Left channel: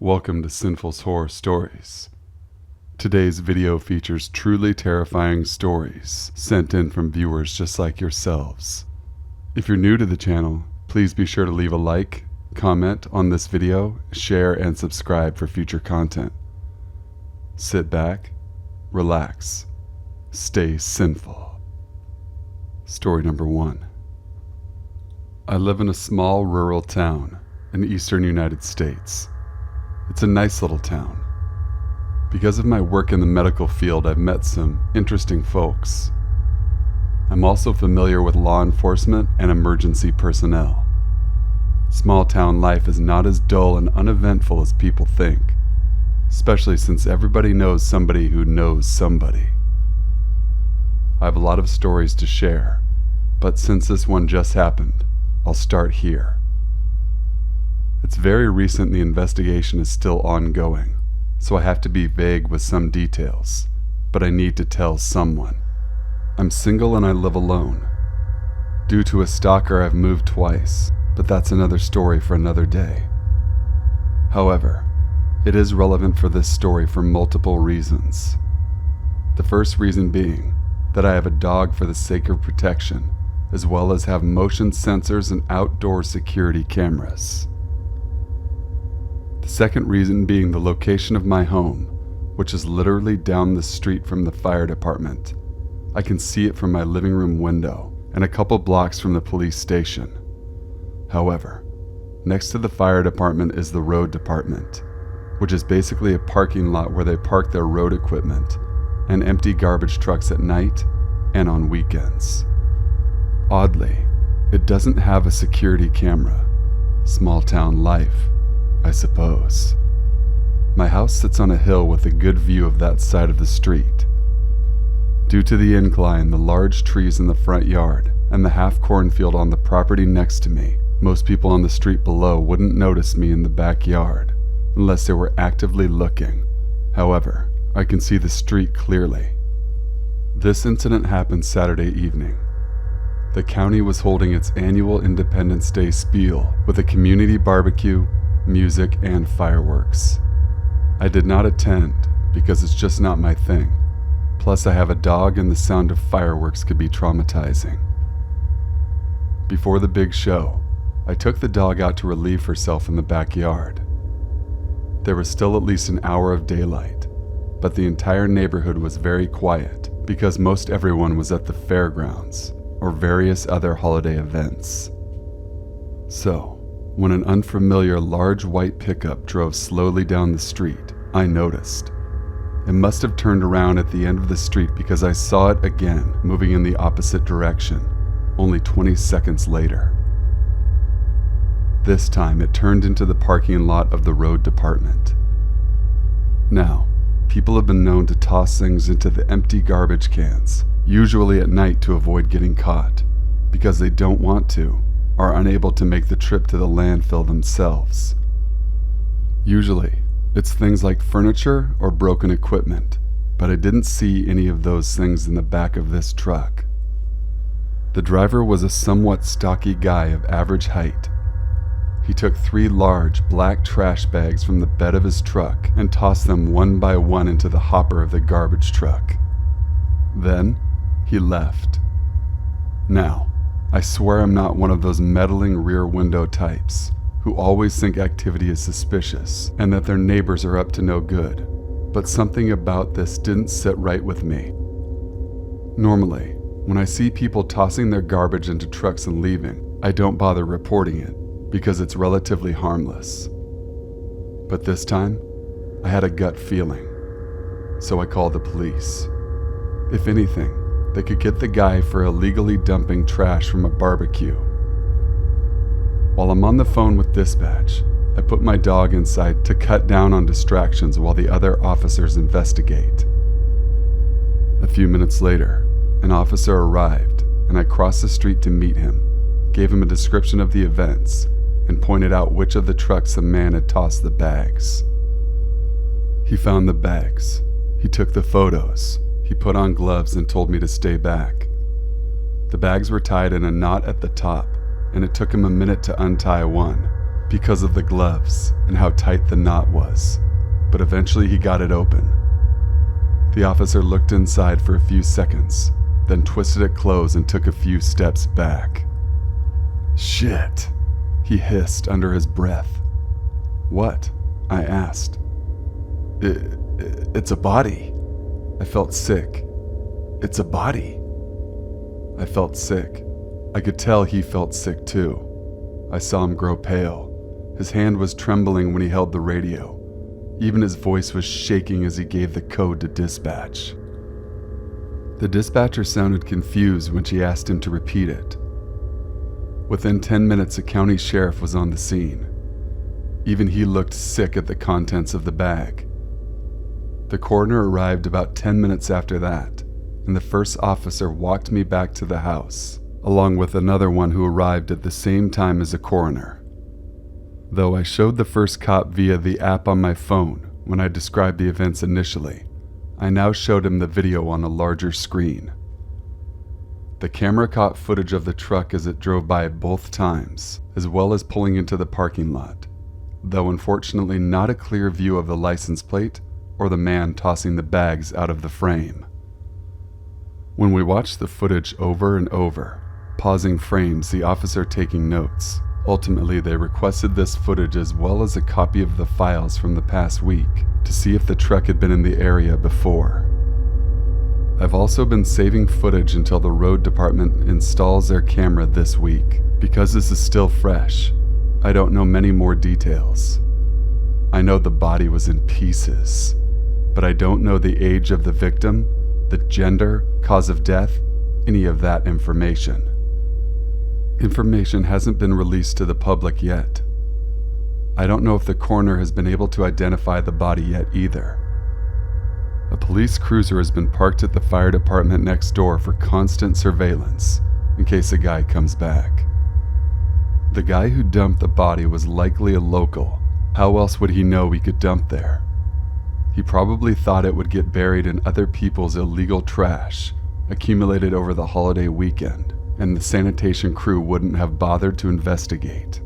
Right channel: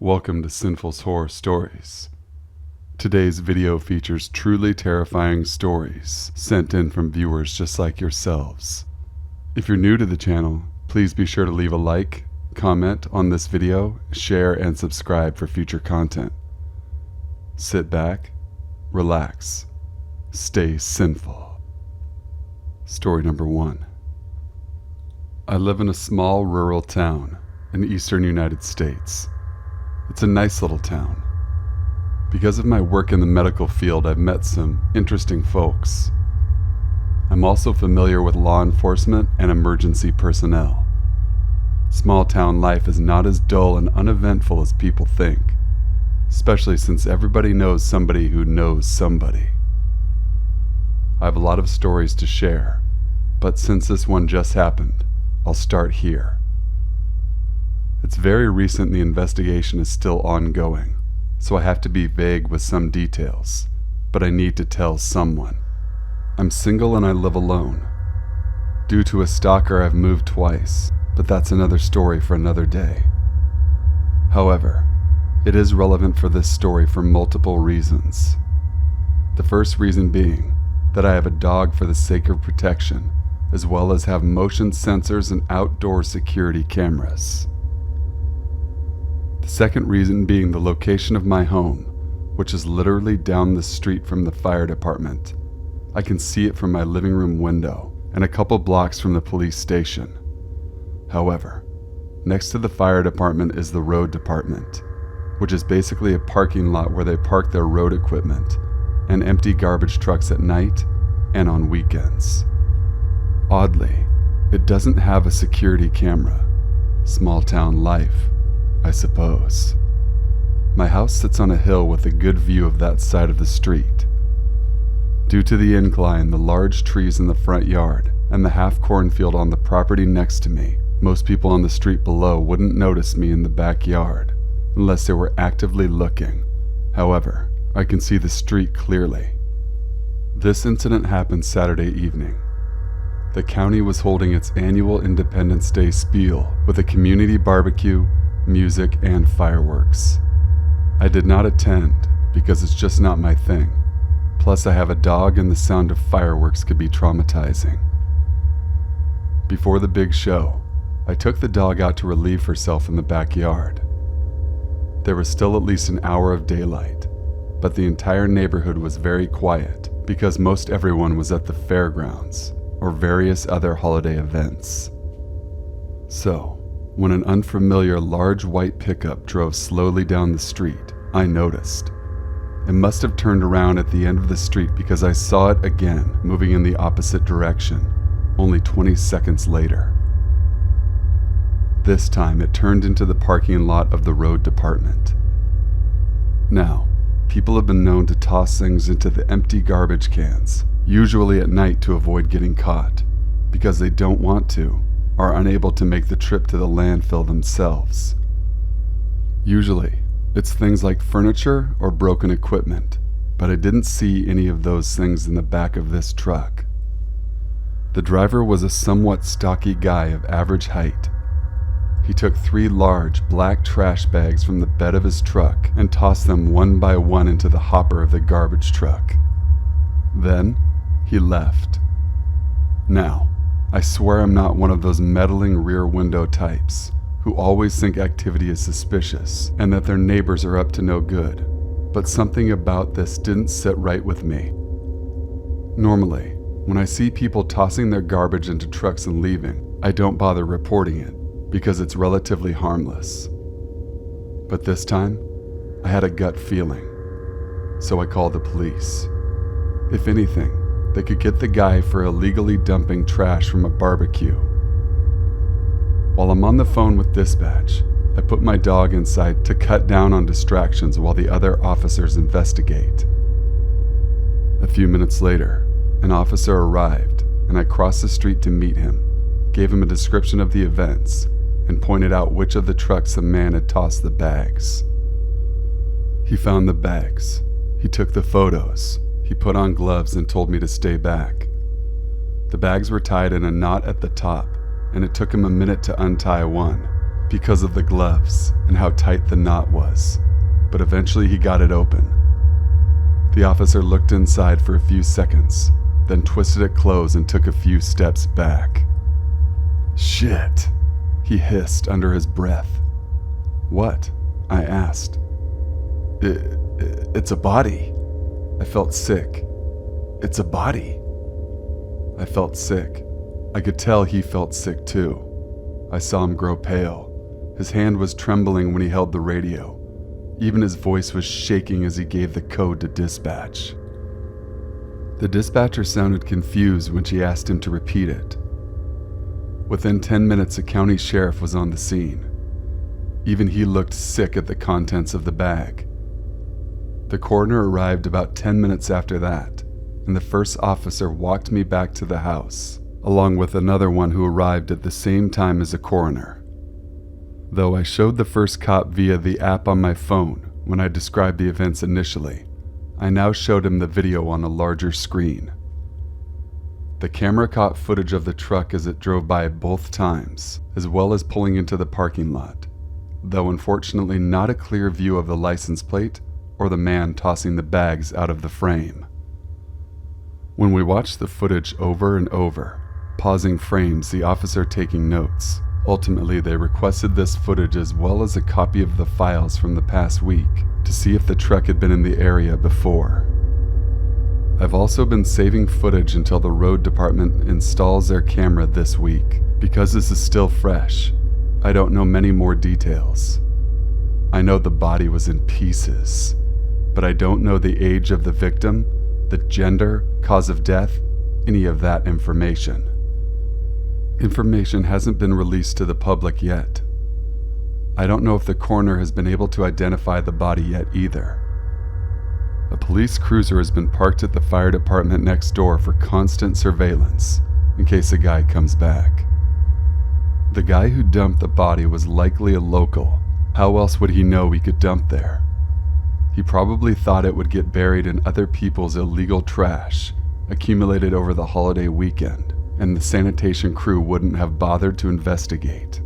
Welcome to Sinful's Horror Stories. Today's video features truly terrifying stories sent in from viewers just like yourselves. If you're new to the channel, please be sure to leave a like, comment on this video, share, and subscribe for future content. Sit back, relax, stay sinful. Story number 1. I live in a small rural town in the eastern United States. It's a nice little town. Because of my work in the medical field, I've met some interesting folks. I'm also familiar with law enforcement and emergency personnel. Small town life is not as dull and uneventful as people think, especially since everybody knows somebody who knows somebody. I have a lot of stories to share, but since this one just happened, I'll start here. It's very recent and the investigation is still ongoing, so I have to be vague with some details, but I need to tell someone. I'm single and I live alone. Due to a stalker, I've moved twice, but that's another story for another day. However, it is relevant for this story for multiple reasons. The first reason being that I have a dog for the sake of protection, as well as have motion sensors and outdoor security cameras. The second reason being the location of my home, which is literally down the street from the fire department. I can see it from my living room window and a couple blocks from the police station. However, next to the fire department is the road department, which is basically a parking lot where they park their road equipment and empty garbage trucks at night and on weekends. Oddly, it doesn't have a security camera. Small town life, I suppose. My house sits on a hill with a good view of that side of the street. Due to the incline, the large trees in the front yard, and the half cornfield on the property next to me, most people on the street below wouldn't notice me in the backyard unless they were actively looking. However, I can see the street clearly. This incident happened Saturday evening. The county was holding its annual Independence Day spiel with a community barbecue, music, and fireworks. I did not attend because it's just not my thing. Plus, I have a dog and the sound of fireworks could be traumatizing. Before the big show, I took the dog out to relieve herself in the backyard. There was still at least an hour of daylight, but the entire neighborhood was very quiet because most everyone was at the fairgrounds or various other holiday events. So, when an unfamiliar large white pickup drove slowly down the street, I noticed. It must have turned around at the end of the street because I saw it again moving in the opposite direction, only 20 seconds later. This time it turned into the parking lot of the road department. Now, people have been known to toss things into the empty garbage cans, usually at night to avoid getting caught, because they don't want to, are unable to make the trip to the landfill themselves. Usually, it's things like furniture or broken equipment, but I didn't see any of those things in the back of this truck. The driver was a somewhat stocky guy of average height. He took 3 large black trash bags from the bed of his truck and tossed them one by one into the hopper of the garbage truck. Then, he left. Now, I swear I'm not one of those meddling rear window types who always think activity is suspicious and that their neighbors are up to no good, but something about this didn't sit right with me. Normally, when I see people tossing their garbage into trucks and leaving, I don't bother reporting it because it's relatively harmless. But this time, I had a gut feeling, so I called the police. If anything, they could get the guy for illegally dumping trash from a barbecue. While I'm on the phone with dispatch, I put my dog inside to cut down on distractions while the other officers investigate. A few minutes later, an officer arrived and I crossed the street to meet him, gave him a description of the events, and pointed out which of the trucks the man had tossed the bags. He found the bags. He took the photos. He put on gloves and told me to stay back. The bags were tied in a knot at the top, and it took him a minute to untie one because of the gloves and how tight the knot was, but eventually he got it open. The officer looked inside for a few seconds, then twisted it closed and took a few steps back. "Shit," he hissed under his breath. "What?" I asked. It's a body." I felt sick. "It's a body." I felt sick. I could tell he felt sick too. I saw him grow pale. His hand was trembling when he held the radio. Even his voice was shaking as he gave the code to dispatch. The dispatcher sounded confused when she asked him to repeat it. Within 10 minutes, a county sheriff was on the scene. Even he looked sick at the contents of the bag. The coroner arrived about 10 minutes after that, and the first officer walked me back to the house, along with another one who arrived at the same time as the coroner. Though I showed the first cop via the app on my phone when I described the events initially, I now showed him the video on a larger screen. The camera caught footage of the truck as it drove by both times, as well as pulling into the parking lot, though unfortunately not a clear view of the license plate or the man tossing the bags out of the frame. When we watched the footage over and over, pausing frames, the officer taking notes, ultimately they requested this footage as well as a copy of the files from the past week to see if the truck had been in the area before. I've also been saving footage until the road department installs their camera this week. Because this is still fresh, I don't know many more details. I know the body was in pieces, but I don't know the age of the victim, the gender, cause of death, any of that information. Information hasn't been released to the public yet. I don't know if the coroner has been able to identify the body yet either. A police cruiser has been parked at the fire department next door for constant surveillance in case a guy comes back. The guy who dumped the body was likely a local. How else would he know we could dump there? He probably thought it would get buried in other people's illegal trash accumulated over the holiday weekend, and the sanitation crew wouldn't have bothered to investigate.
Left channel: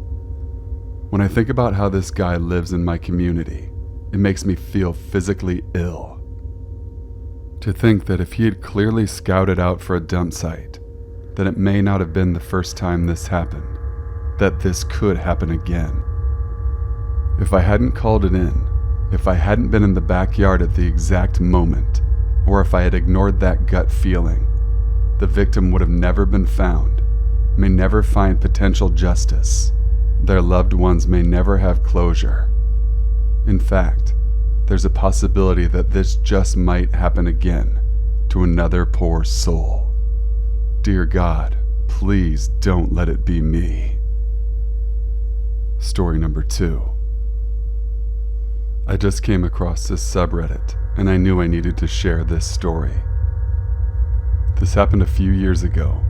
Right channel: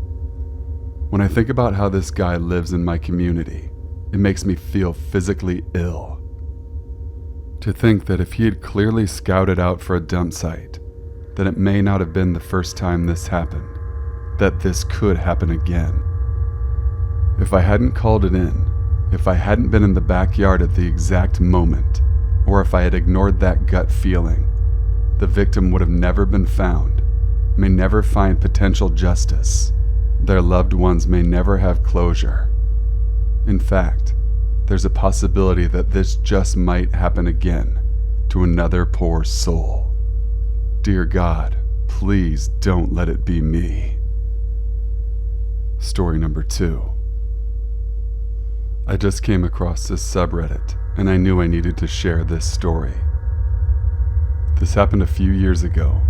When I think about how this guy lives in my community, it makes me feel physically ill. To think that if he had clearly scouted out for a dump site, then it may not have been the first time this happened, that this could happen again. If I hadn't called it in, if I hadn't been in the backyard at the exact moment, or if I had ignored that gut feeling, the victim would have never been found, may never find potential justice. Their loved ones may never have closure. In fact, there's a possibility that this just might happen again to another poor soul. Dear God, please don't let it be me. Story number 2. I just came across this subreddit, and I knew I needed to share this story. This happened a few years ago,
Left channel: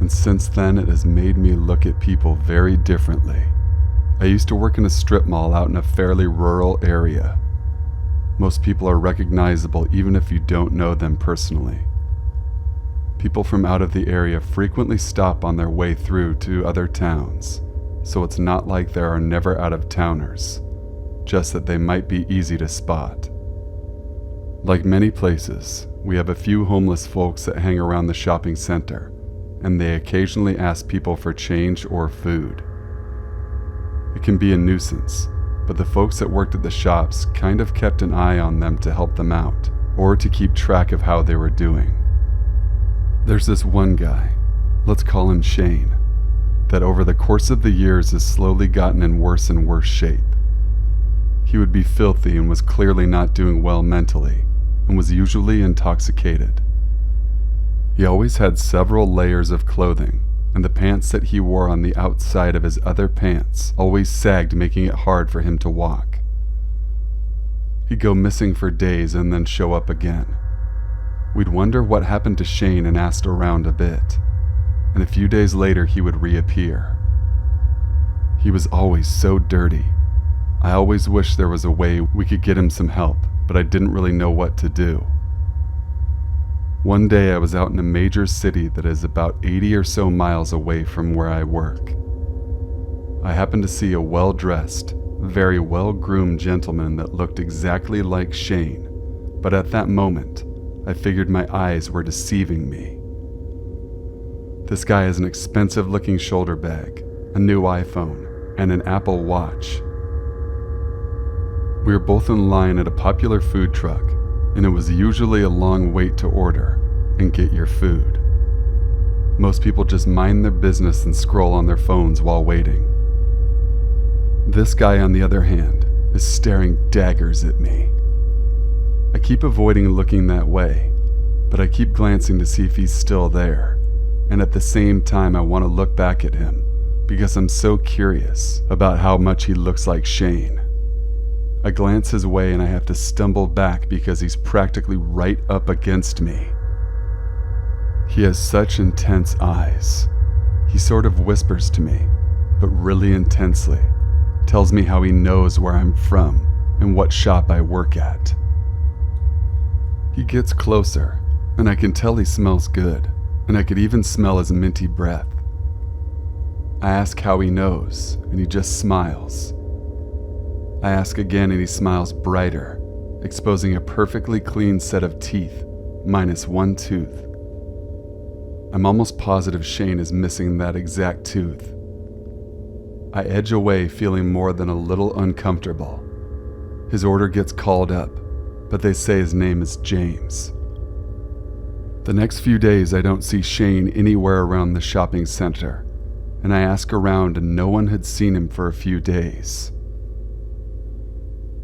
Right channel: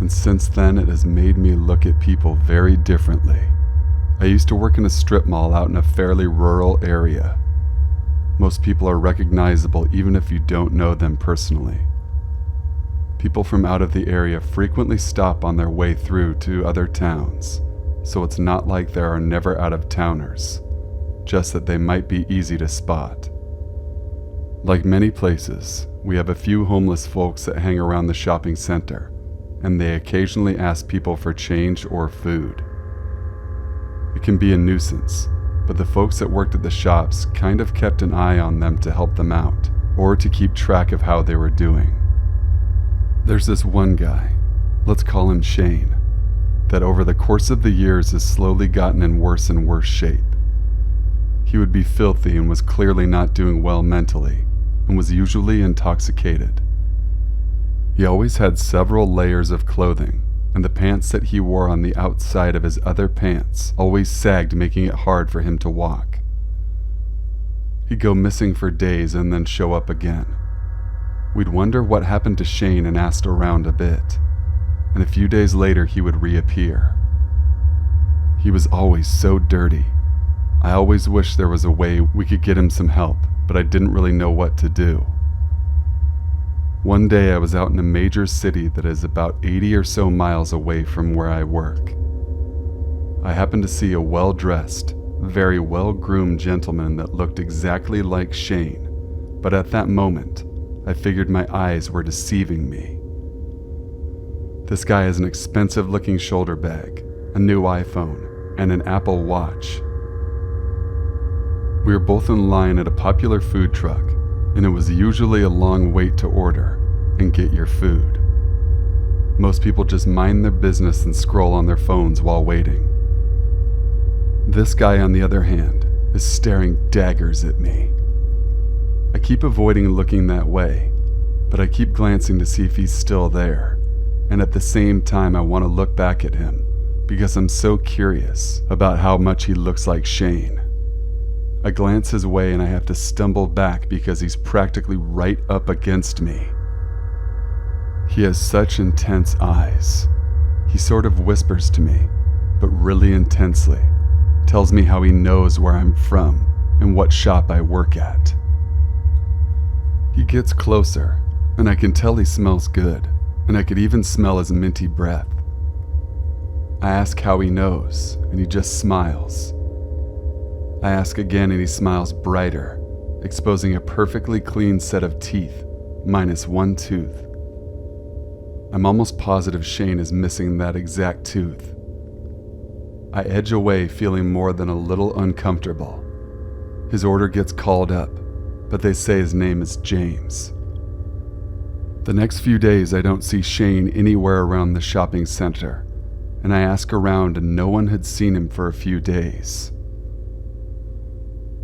and since then it has made me look at people very differently. I used to work in a strip mall out in a fairly rural area. Most people are recognizable even if you don't know them personally. People from out of the area frequently stop on their way through to other towns, so it's not like there are never out-of-towners, just that they might be easy to spot. Like many places, we have a few homeless folks that hang around the shopping center, and they occasionally ask people for change or food. It can be a nuisance, but the folks that worked at the shops kind of kept an eye on them to help them out, or to keep track of how they were doing. There's this one guy, let's call him Shane, that over the course of the years has slowly gotten in worse and worse shape. He would be filthy and was clearly not doing well mentally, and was usually intoxicated. He always had several layers of clothing, and the pants that he wore on the outside of his other pants always sagged, making it hard for him to walk. He'd go missing for days and then show up again. We'd wonder what happened to Shane and asked around a bit, and a few days later he would reappear. He was always so dirty. I always wished there was a way we could get him some help, but I didn't really know what to do. One day I was out in a major city that is about 80 or so miles away from where I work. I happened to see a well-dressed, very well-groomed gentleman that looked exactly like Shane, but at that moment, I figured my eyes were deceiving me. This guy has an expensive-looking shoulder bag, a new iPhone, and an Apple Watch. We were both in line at a popular food truck, and it was usually a long wait to order and get your food. Most people just mind their business and scroll on their phones while waiting. This guy, on the other hand, is staring daggers at me. I keep avoiding looking that way, but I keep glancing to see if he's still there, and at the same time I want to look back at him because I'm so curious about how much he looks like Shane. I glance his way and I have to stumble back because he's practically right up against me. He has such intense eyes. He sort of whispers to me, but really intensely, tells me how he knows where I'm from and what shop I work at. He gets closer, and I can tell he smells good, and I could even smell his minty breath. I ask how he knows, and he just smiles. I ask again, and he smiles brighter, exposing a perfectly clean set of teeth, minus one tooth. I'm almost positive Shane is missing that exact tooth. I edge away, feeling more than a little uncomfortable. His order gets called up, but they say his name is James. The next few days I don't see Shane anywhere around the shopping center, and I ask around and no one had seen him for a few days.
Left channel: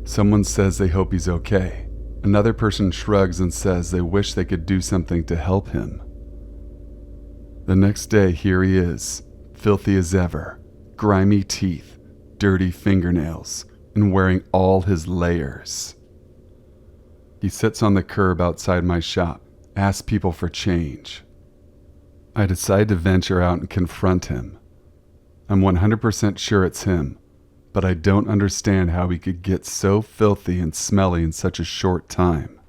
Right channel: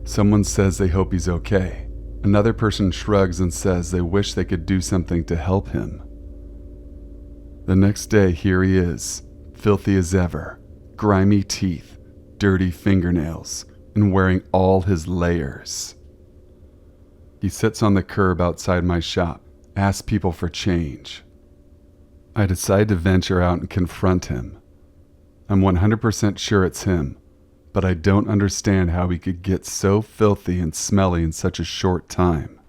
Someone says they hope he's okay. Another person shrugs and says they wish they could do something to help him. The next day, here he is, filthy as ever, grimy teeth, dirty fingernails, and wearing all his layers. He sits on the curb outside my shop, asks people for change. I decide to venture out and confront him. I'm 100% sure it's him, but I don't understand how he could get so filthy and smelly in such a short time.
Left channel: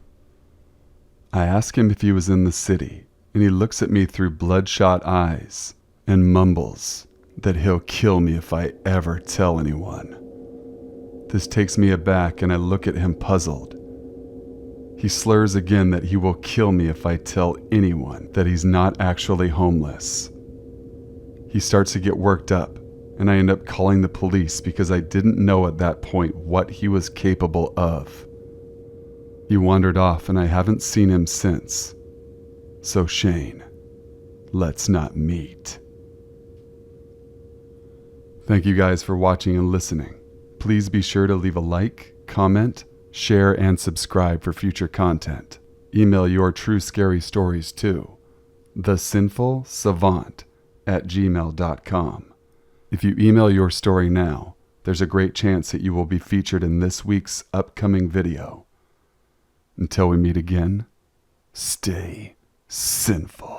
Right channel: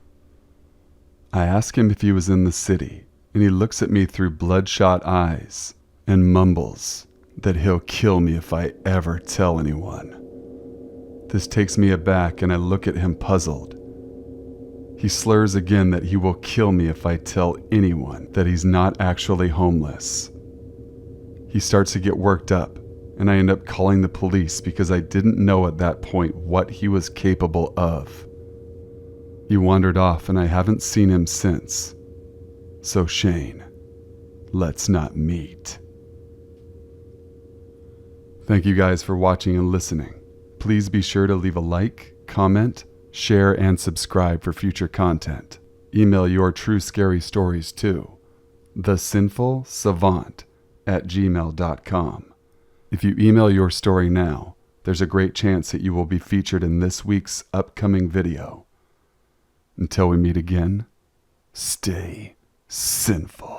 I ask him if he was in the city, and he looks at me through bloodshot eyes and mumbles that he'll kill me if I ever tell anyone. This takes me aback, and I look at him puzzled. He slurs again that he will kill me if I tell anyone that he's not actually homeless. He starts to get worked up, and I end up calling the police because I didn't know at that point what he was capable of. He wandered off, and I haven't seen him since. So Shane, let's not meet. Thank you guys for watching and listening. Please be sure to leave a like, comment, share, and subscribe for future content. Email your true scary stories to thesinfulsavant@gmail.com. If you email your story now, there's a great chance that you will be featured in this week's upcoming video. Until we meet again, stay sinful.